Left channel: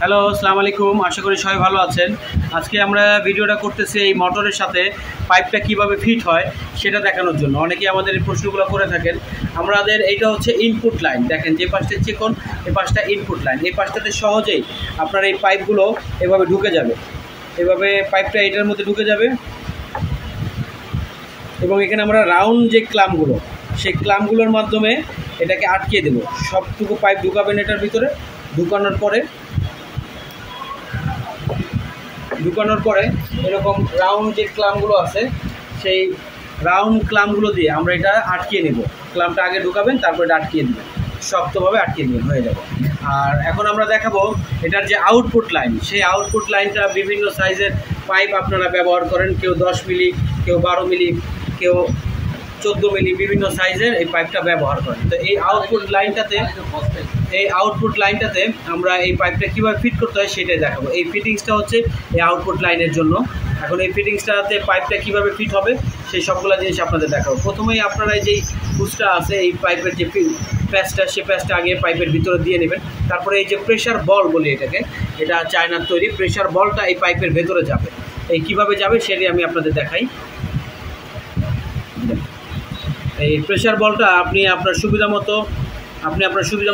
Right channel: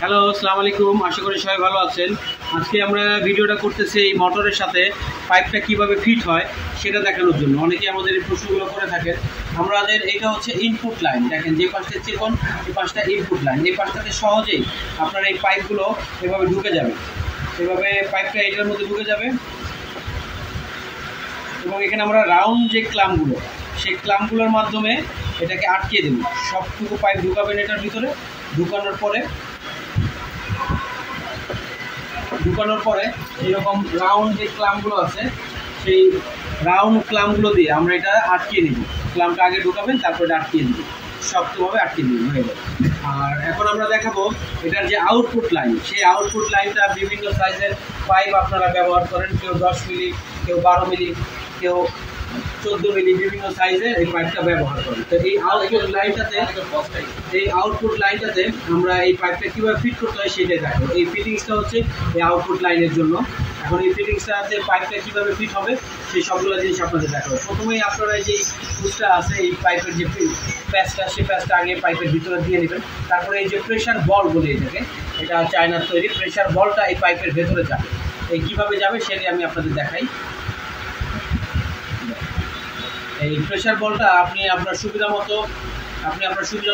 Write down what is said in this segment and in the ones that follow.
Hello, আসসালামু আলাইকুম। আশা করি সবাই ভালো আছেন। আজকে আমরা ভিডিওটা করতেছি এই মোটরের সাথে পাইপটা কিভাবে ফিট হয় সেটা দেখানোর জন্য। অনেকেই আমাদের এই প্রশ্নগুলো করে থাকেন। আমাদের এইটা হচ্ছে ইনপুট লাইন। দেখেন যে পাশটা চিকন, এই পাশটা ইনপুট লাইন। এই পাশটাতে সহজেই আপনার এই পাইপগুলো এভাবে ঢুকে যাবে। এভাবে পাইপটা এটার মধ্যে ঢুকে যাবে এবং এখানে আমরা রাউন্ড যে ক্লামগুলো, সেই ক্লামগুলোর মাধ্যমে এটাকে আটকে দেবো। সবটুকু পাইপ ঢুকাবেন এটার ভিতরে। ঢুকানোর পরে এরকম রাউন্ড যে ক্লামগুলো আছে, সেই রাউন্ড ক্লামগুলো দিয়ে আমরা এটা আটকিয়ে নেব। ক্লামটা আগে ঢুকাবেন, তারপর এটা আটকিয়ে দেবেন, শক্তভাবে আটকিয়ে দেবেন, হয়ে যাবে। আর এখন আমরা দেখাবো এটার যে আউটপুট লাইন, সেই আউটপুট লাইনটা বিভিন্ন সাইজের পাইপ আপনারা ব্যবহার করেন। কেউ 10 মিলি, কেউ 12 মিলি, কেউ 14 মিলি, বিভিন্ন সাইজের এই পাইপটা ব্যবহার করেন। তো এই আউটপুট লাইনটাতে আমরা এই পাইপটা কীভাবে ফিট করতে হয় সেটাই দেখাবো। এই ফিটিংসটা হচ্ছে এই আউটপুট লাইনের জন্য। এখন এই ফিটিংসটাতে পাইপটা কীভাবে ফিট হবে সেই সবগুলো জিনিস আপনাদের দেখাবো। প্রথমেই আপনারা এই যে হুসটা আছে, এই পাইপের যে প্যাচটা, সেই প্যাচটা আগে পাইপের ভিতরে দিয়ে নেবেন। তারপরে এই যে প্রেশার বল বলে এটাকে, এটা চায়নার তৈরি। প্রেশার বলটা এই পাইপের ভেতরে যাবে। এই কীভাবে যাবে সেটাই আমি আপনাদের দেখাই। এই প্রেশার বলটা আপনি আপনার সুবিধা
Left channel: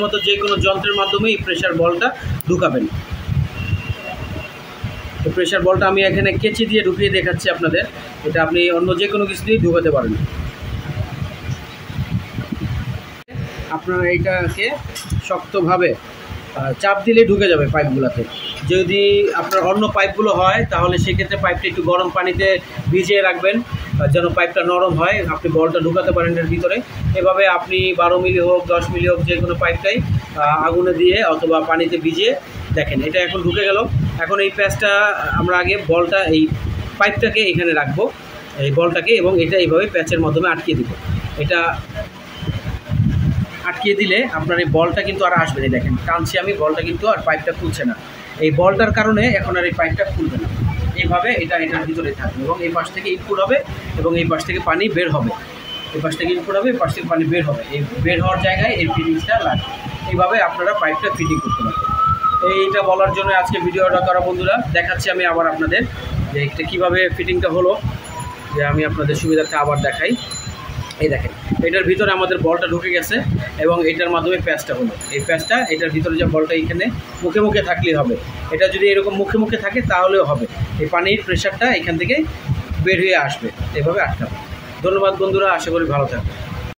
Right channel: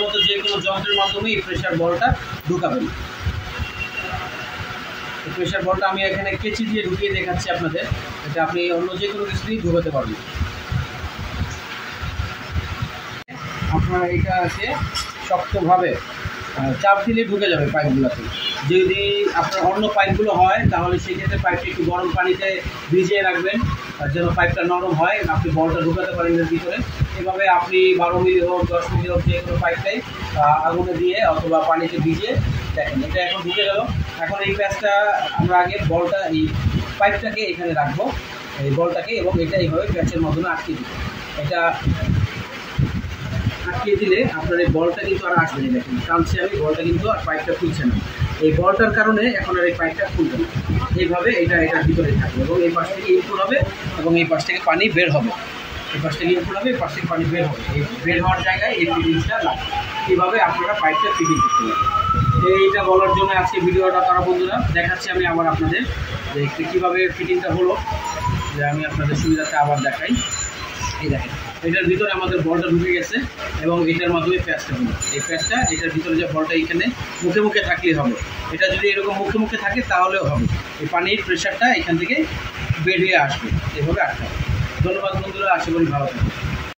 মতো যে কোনো যন্ত্রের মাধ্যমে এই প্রেশার বলটা ঢুকাবেন। তো প্রেশার বলটা আমি এখানে কেচি দিয়ে ঢুকিয়ে দেখাচ্ছি আপনাদের। এটা আপনি অন্য যে কোনো কিছু দিয়ে ঢুকাতে পারবেন। আপনারা এইটাকে শক্তভাবে চাপ দিলে ঢুকে যাবে পাইপগুলোতে। যদি আপনার অন্য পাইপগুলো হয় তাহলে সেক্ষেত্রে পাইপটা একটু গরম পানিতে ভিজিয়ে রাখবেন যেন পাইপটা নরম হয়, আপনি বলটা ঢুকাতে পারেন এর ভিতরে। এভাবে আপনি 12 মিলি হোক, 10 মিলি হোক, যে কোনো পাইপটাই আগুনে দিয়ে অথবা পানিতে ভিজিয়ে দেখেন এটা এখন ঢুকে গেল। এখন এই প্যাচটা আমরা আগে বলটা, এই পাইপটাকে এখানে রাখবো, এই বলটাকে, এবং এটা এইভাবে প্যাচের মাধ্যমে আটকে দেবো। এটা আটকিয়ে দিলে আপনার এই বলটা কিন্তু আর আসবে না। দেখেন টানছি আমি, বলটা কিন্তু আর পাইপটা খুলছে না। এই বলটার কারণে এখন আর এই পাইপটা খুলবে না। এইভাবে এটার ভিতরে থাকবে এবং এই পাশ থেকে ইনপুট হবে এবং এই পাশ থেকে পানি বের হবে। এই পাশ থেকে ইনপুট হবে, এই পাশ থেকে পানি বের হবে। এই বের হওয়ার জায়গায় এই ফিটিংসটা লাগবে। এইভাবে আপনারা পাইপটা ফিটিং করতে পারবেন। এইটা বলার জন্য আজকে ভিডিওটা করা বন্ধুরা। দেখাচ্ছি আমি আবার আপনাদের যে এটা কীভাবে ফিটিংটা হলো, যে আমি আপনাদের সুবিধাতে আবার দেখাই। এই দেখেন এটার ভিতরে আমাদের বলটা ঢুকে গেছে এবং এটার মাধ্যমে প্যাচটা হলো। এই প্যাচটা এটার ভিতরে যে বলটা এখানে মুখে মুখে থাকলেই হবে। এটা যদি এরকম মুখে মুখে থাকে তাহলেও হবে। এই পানির প্রেশারটা এখান থেকে বের হয়ে আসবে। এভাবে আটকাবে। ধন্যবাদ বন্ধুরা, আশা করি ভালো থাকবে।